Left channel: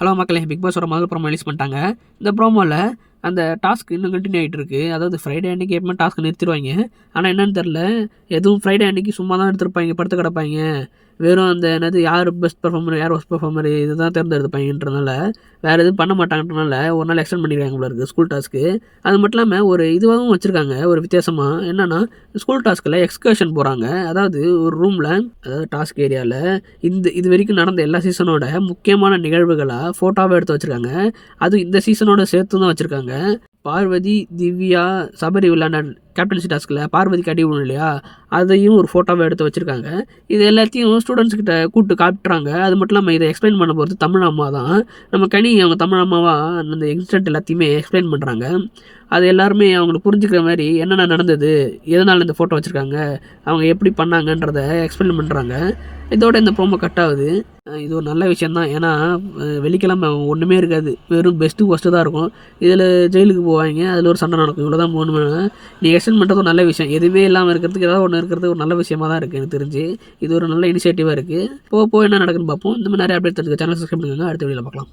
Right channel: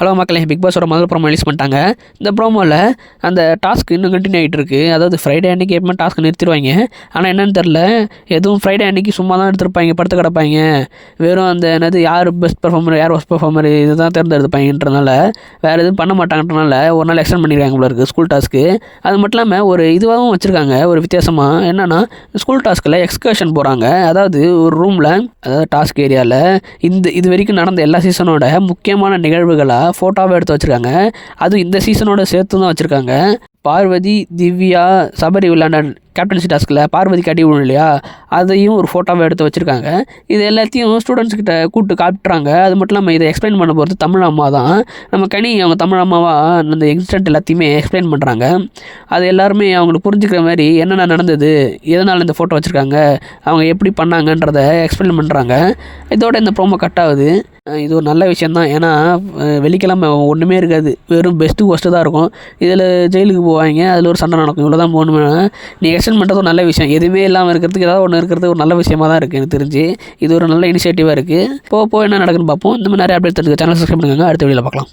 Hello மக்களே, big பாஸோட முதல் promo release பண்ணிட்டாங்க. இந்த ப்ரோமோவில் அந்த டாஸ்க் இன்னும் கண்டினியூ ஆகிட்டு இருக்குது. அதாவது ஃப்ரைடே அன்றைக்கி எப்பவுமே டாஸ்க் நிறுத்திடுவாங்க. ஆனால் என்னென்னு தெரில, எதுவும் ஃப்ரைடே அன்றைக்கி சும்மா தான் எடுத்துருப்பாங்க, படுத்து கிடப்பாங்க. வெறும் அந்த என்னது யார் பெஸ்ட் பர்ஃபார்மர், யார் ஒஸ்ட் பர்ஃபார்மர் இதுதான் தேர்ந்தெடுப்பாங்கன்றனால வேறு எதுவும் பண்ண மாட்டாங்கன்றனால ஒரு நாள் எக்ஸ்டெண்ட் பண்ணிடுறாங்க போல இருக்குது ஸ்கூல் டாஸ்க்கு. அது மட்டும் இல்லாமல் ஒரு இதுவாகவும் வச்சுருக்காங்க, ஒரு வித்தியாசமாக. என்னென்னா, ஸ்கூல் டாஸ்க்கில் எக்ஸ்கர்ஷன் போகிறாங்க. அதாவது ஒரு ரூமில், அதாவது டாஸ்க் ஏரியாவில் இது வரைக்கும் நடந்த எல்லா சீசனோட முக்கியமான நிகழ்வுகளாக ஃபோட்டோவை எடுத்து வச்சுருக்காங்க. அதுவும் இந்த சீசனோட சேர்த்து தான் வச்சுருக்காங்க. பார்வதி, திவ்யா, சபரி விளையாண்ட கேப்டன்சி டாஸ்கில் பார்வதிக்கு அடி விழும் இல்லையா, அதையும் ஒரு ஃபோட்டோவை எடுத்து வச்சுருக்காங்க. இது எல்லாத்தையும் ஸ்டூடெண்ட்ஸ்கிட்ட கூப்பிட்டு காட்டுறாங்க. அது மட்டும் இல்லாமல் இதை எக்ஸ்பிளைன் பண்ண போகிறது தமிழ் அம்மா தான். நம்ம கனி அவங்க தமிழ் அம்மாவாக அந்த இன்சிடென்ட் எல்லாத்தையுமே எக்ஸ்பிளைன் பண்ணுறாங்க. அது எல்லாருமே அவங்களுக்கு புரிஞ்சுக்கிற மாதிரி என்னென்ன நடந்தது, எதனால் இந்த ஃபோட்டோ வச்சுருக்காங்க, அவங்க எப்படி பண்ணாங்கன்றதை எக்ஸ்பிளைன் பண்ணுறாங்க. இதோட இந்த ப்ரோமோ கட் ஆகுது. இது ஒரு நல்ல விஷயந்தான். ஏன்னா வெள்ளிக்கிழமை ஒன்றுமே இருக்காது, வெறும் பெஸ்ட்டு ஒஸ்ட்டு தான் இருக்கும். இதில் ஜெயிலுக்கு போவாங்க, அதில் ஒரு சண்டை நடக்கும். இவ்வளோ தான் போகணுமே. நீ எக்ஸ்டெண்ட் பண்ணுறது ஒரு நல்ல விஷயம். எதுவுமே இல்லாமல் இருக்கிறதுக்கு ஏதாவது ஒன்று இருக்கிறது ஒரு நல்ல விஷயமாக தான் இருக்குது எனக்கு தெரிஞ்சு. இது ஒரு நல்ல இனிஷியேட்டிவாக இருக்குது. போக என்ன நடக்குன்னு பார்ப்போம். இந்த மாதிரி நிறைய அப்டேட் தெரிஞ்சுக்க சேனல் சப்ஸ்கிரைப் பண்ணுங்க. அடுத்த வீடியோவில் பார்க்கலாம்.